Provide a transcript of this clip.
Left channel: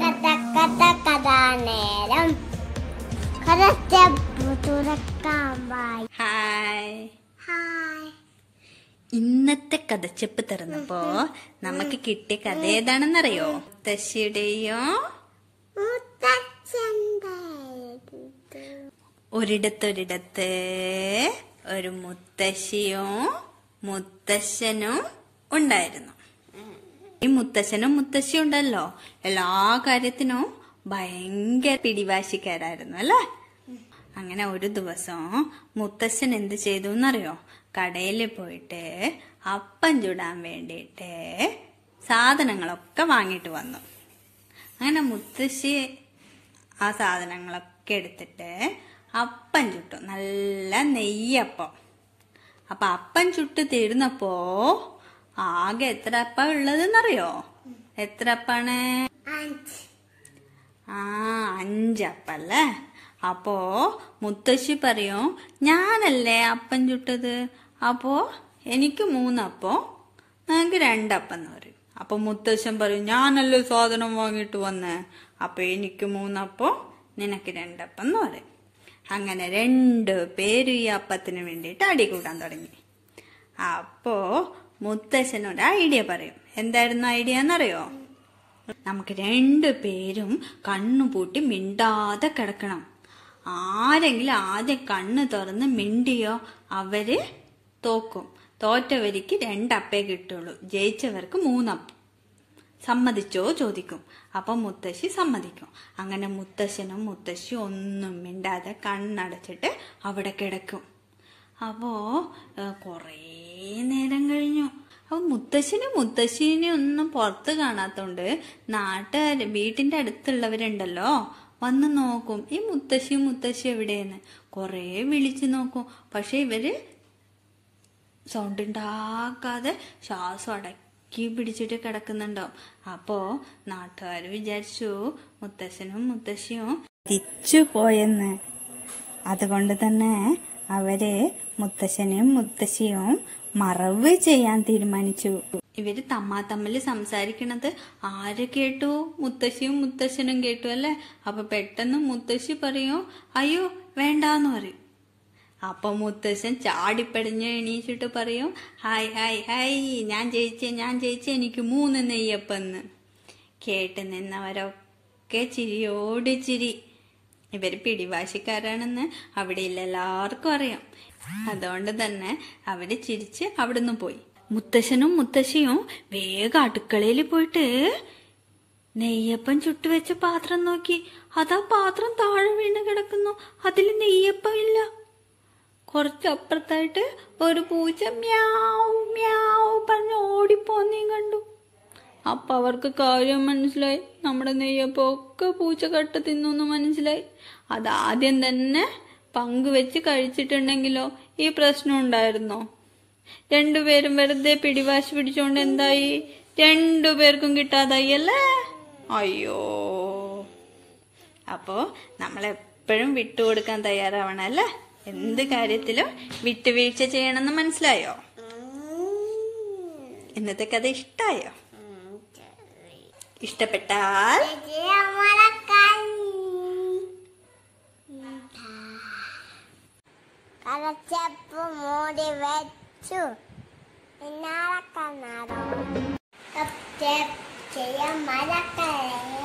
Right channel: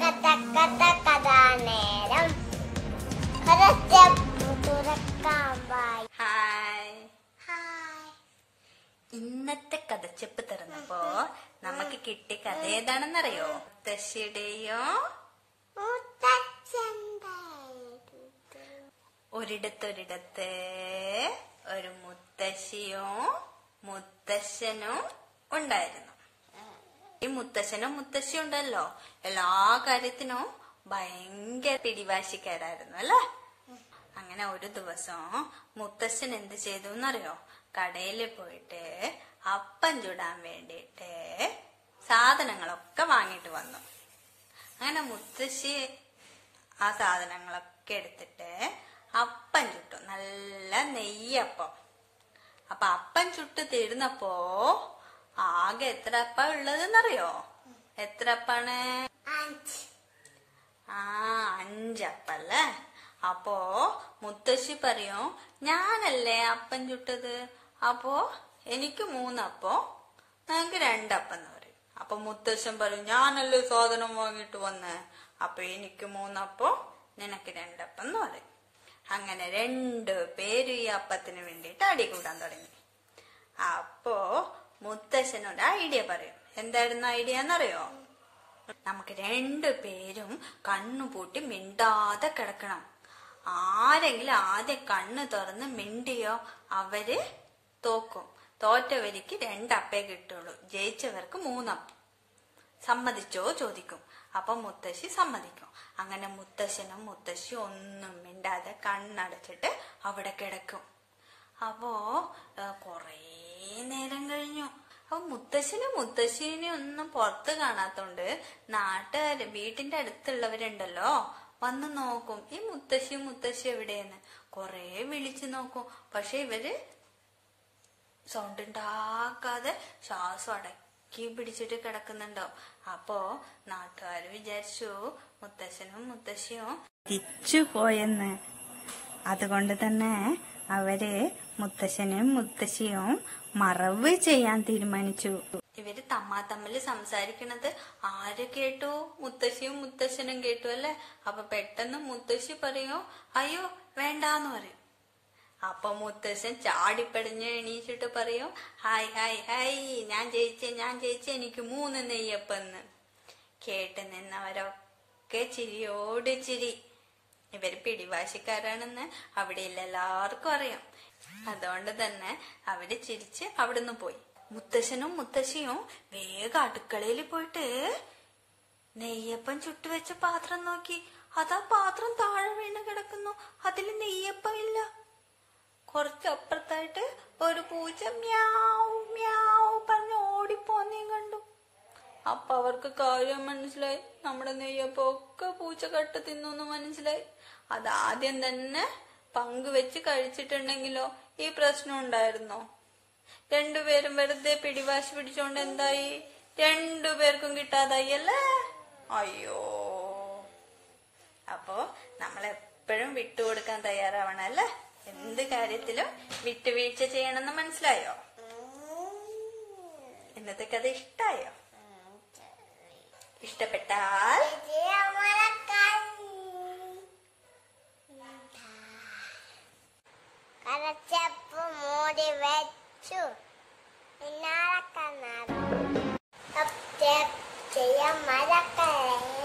കഥ കഥ കഥാനേരം കഥച്ചെപ്പ് തുറക്കാൻ വായി. ഹായ്. ഹായ്. ഇന്നത്തെ കഥച്ചെപ്പ് തുറന്നപ്പോ നമുക്ക് കിട്ടിയ കഥ ഏതാണെന്നറിയോ? മുത്തശ്ശിയുടെയോ ഒരിടത്തൊരിടത്ത് ഒരു മുത്തശ്ശിയും മുത്തശ്ശനും ഉണ്ടായിരുന്നു. ഈ മുത്തശ്ശനും മുത്തശ്ശിയും ഉണ്ടല്ലോ, എല്ലാ കാര്യത്തിനും ഭയങ്കര പിടിവാശിക്കാരായിരുന്നു അല്ലേ. അങ്ങനെ ഒരു ദിവസം മുത്തശ്ശൻ എന്ത് ചെയ്തു എന്നറിയോ? കടയിൽ പോയിട്ട് അപ്പം ചുടാൻ വേണ്ടിയിട്ട് സാധനങ്ങളൊക്കെ വാങ്ങിട്ട് വന്നു. അങ്ങനെ മുത്തശ്ശി ആ സാധനങ്ങളൊക്കെ എടുത്തിട്ട് അപ്പം ചുട്ടു, നല്ല നെയ്യപ്പം. അപ്പൊ അപ്പം ചുട്ട് തീർന്നപ്പോ ആകെ എത്ര അപ്പം ഉള്ളതെന്നറിയോ? എത്ര അപ്പാണ്? 5 അപ്പല്ലേ. അപ്പോ മുത്തശ്ശി പറയും, ഞാനല്ലേ അപ്പം ചുട്ടത്, അപ്പോ എനിക്ക് 3 അപ്പം, നിനക്ക് 2 അപ്പം എന്ന് പറയും. അപ്പൊ മുത്തശ്ശൻ പറയും, ഞാനല്ലേ സാധനം വാങ്ങിട്ട് വന്നേ, അപ്പൊ എനിക്ക് 3 അപ്പം, നിനക്ക് 2 അപ്പം എന്ന് പറയും. അങ്ങനെ 2 പേരും ഈ അപ്പത്തിന് വേണ്ടിയിട്ട് അടി കൂടാൻ തുടങ്ങി. അപ്പോ മുത്തശ്ശനോട് ഐഡിയ പറയും. എന്തായിരുന്നു ഐഡിയ എന്നറിയോ? നമുക്ക് 2 പേരും കണ്ണുപൂട്ടി മിണ്ടാതെ കിടക്കണം. ആരെങ്കിലും ആദ്യം കണ്ണ് തുറന്ന് മിണ്ടിയോ അവര് തോക്കും. തോറ്റവർക്ക് 2 അപ്പേ കിട്ടുള്ളൂ, ജയിച്ചവർക്ക് 3 അപ്പം. സമ്മതിച്ചോ ചോദിക്കും. അപ്പൊ മുത്തശ്ശി സമ്മതിക്കും. അങ്ങനെ മുത്തശ്ശനും മുത്തശ്ശി ഒന്നും മിണ്ടാതെ കണ്ണടച്ചിട്ട് അവിടെ കിടക്കും. അപ്പോ കൊറേ നേരം കഴിഞ്ഞു. അപ്പൊ മുത്തശ്ശനും മുത്തശ്ശീനെയും ഒന്നും പുറത്ത് കാണാത്തോണ്ട് നാട്ടുകാര്, വീട്ടിന്റെ അടുത്തുള്ളവരുണ്ടല്ലോ, വന്ന് നോക്കും ഈ മുത്തശ്ശിയും മുത്തശ്ശി എവിടെയെന്ന്. കൊറേ വിളിച്ചു നോക്കും, പക്ഷെ ഇവര് സൗണ്ട് ഉണ്ടാക്കാതെ ശ്വാസം അടക്കി പിടിച്ചിട്ട് കിടക്കുന്നുണ്ടോ. അപ്പോ നാട്ടുകാര് വിചാരിച്ചു മുത്തശ്ശനും മുത്തശ്ശിയും തിരിച്ചു പോയെന്ന്. അതുകൊണ്ട് തന്നെ അവര് മുത്തശ്ശനും മുത്തശ്ശിയും മറവ് ചെയ്യാൻ തീരുമാനിച്ചു. ഇവര് തമ്മിൽ സംസാരിക്കണത് ആര് കേട്ടു? മുത്തശ്ശിയും മുത്തശ്ശനും കേട്ടു അല്ലെ. അപ്പൊ പെട്ടെന്ന് മുത്തശ്ശി പറയും, അയ്യോ വേണ്ടാന്ന് പറയും. അപ്പൊ മുത്തശ്ശൻ ചാടിപ്പടിഞ്ഞ് എണീച്ചിട്ട് പറയും, ഹായ് ഹായ് ഹായ്, ഞാൻ ജയിച്ചേ, എനിക്ക് 3 നെയ്യപ്പെന്ന്. കേട്ട് നിന്നവരൊക്കെ ചിരിയോട് ചിരി. ഇവര് പിടിവാശിക്കാരാണെന്ന് അവിടെയുള്ള എല്ലാവർക്കും അറിയാം. അതുകൊണ്ട് തന്നെ അവര് ചിരിച്ച് അവിടുന്ന് പോയി. മുത്തശ്ശനും മുത്തശ്ശിയും വേഗം അടുക്കളയിൽ പോയിട്ട് നെയ്യപ്പം ചുട്ടുവെച്ച പാത്രം നോക്കി. അതാ പാത്രം താഴെ വീണ് കിടക്കുന്നു, അതിൽ നെയ്യപ്പം ഇല്ല. കുറച്ചപ്പുറത്തായിട്ട് ഒരു പൂച്ച മ്യാവ് മ്യാവ് പറഞ്ഞ് ഓടിപ്പോന്നേം കണ്ടു. അപ്പൊ അവർക്ക് കാര്യം മനസ്സിലായി, നമ്മുടെ നെയ്യപ്പം ഒക്കെ പൂച്ച കട്ട് തിന്നു മനസ്സിലായി. അതാദ്യം തന്നെ പങ്കുവെച്ച് കഴിച്ചിട്ടുണ്ടെങ്കിലോ ഈ പ്രശ്നം ഉണ്ടായിരുന്നോ? 2 പേരും വെറുതെ പിടിവാശി പിടിച്ചോണ്ട് എന്തായി? 2 പേർക്കും കിട്ടാതായി അല്ലേ. അയ്യോ. അപ്പോ നമ്മളെപ്പോഴും വിട്ടുകൊടുക്കാൻ തയ്യാറാവണം അല്ലേ. എന്ത് കാര്യത്തിലും വിട്ടുവീഴ്ച ചെയ്യണമെന്ന് മനസ്സിലായോ? ഇന്നത്തെ കഥ ഇഷ്ടായോ? ഇഷ്ടപ്പെട്ടാൽ കഥച്ചെപ്പ് മൂടി വെച്ചു. പിന്നാലെ കണ്ണാടോ ചെയ്യാൻ മറക്കല്ലേ.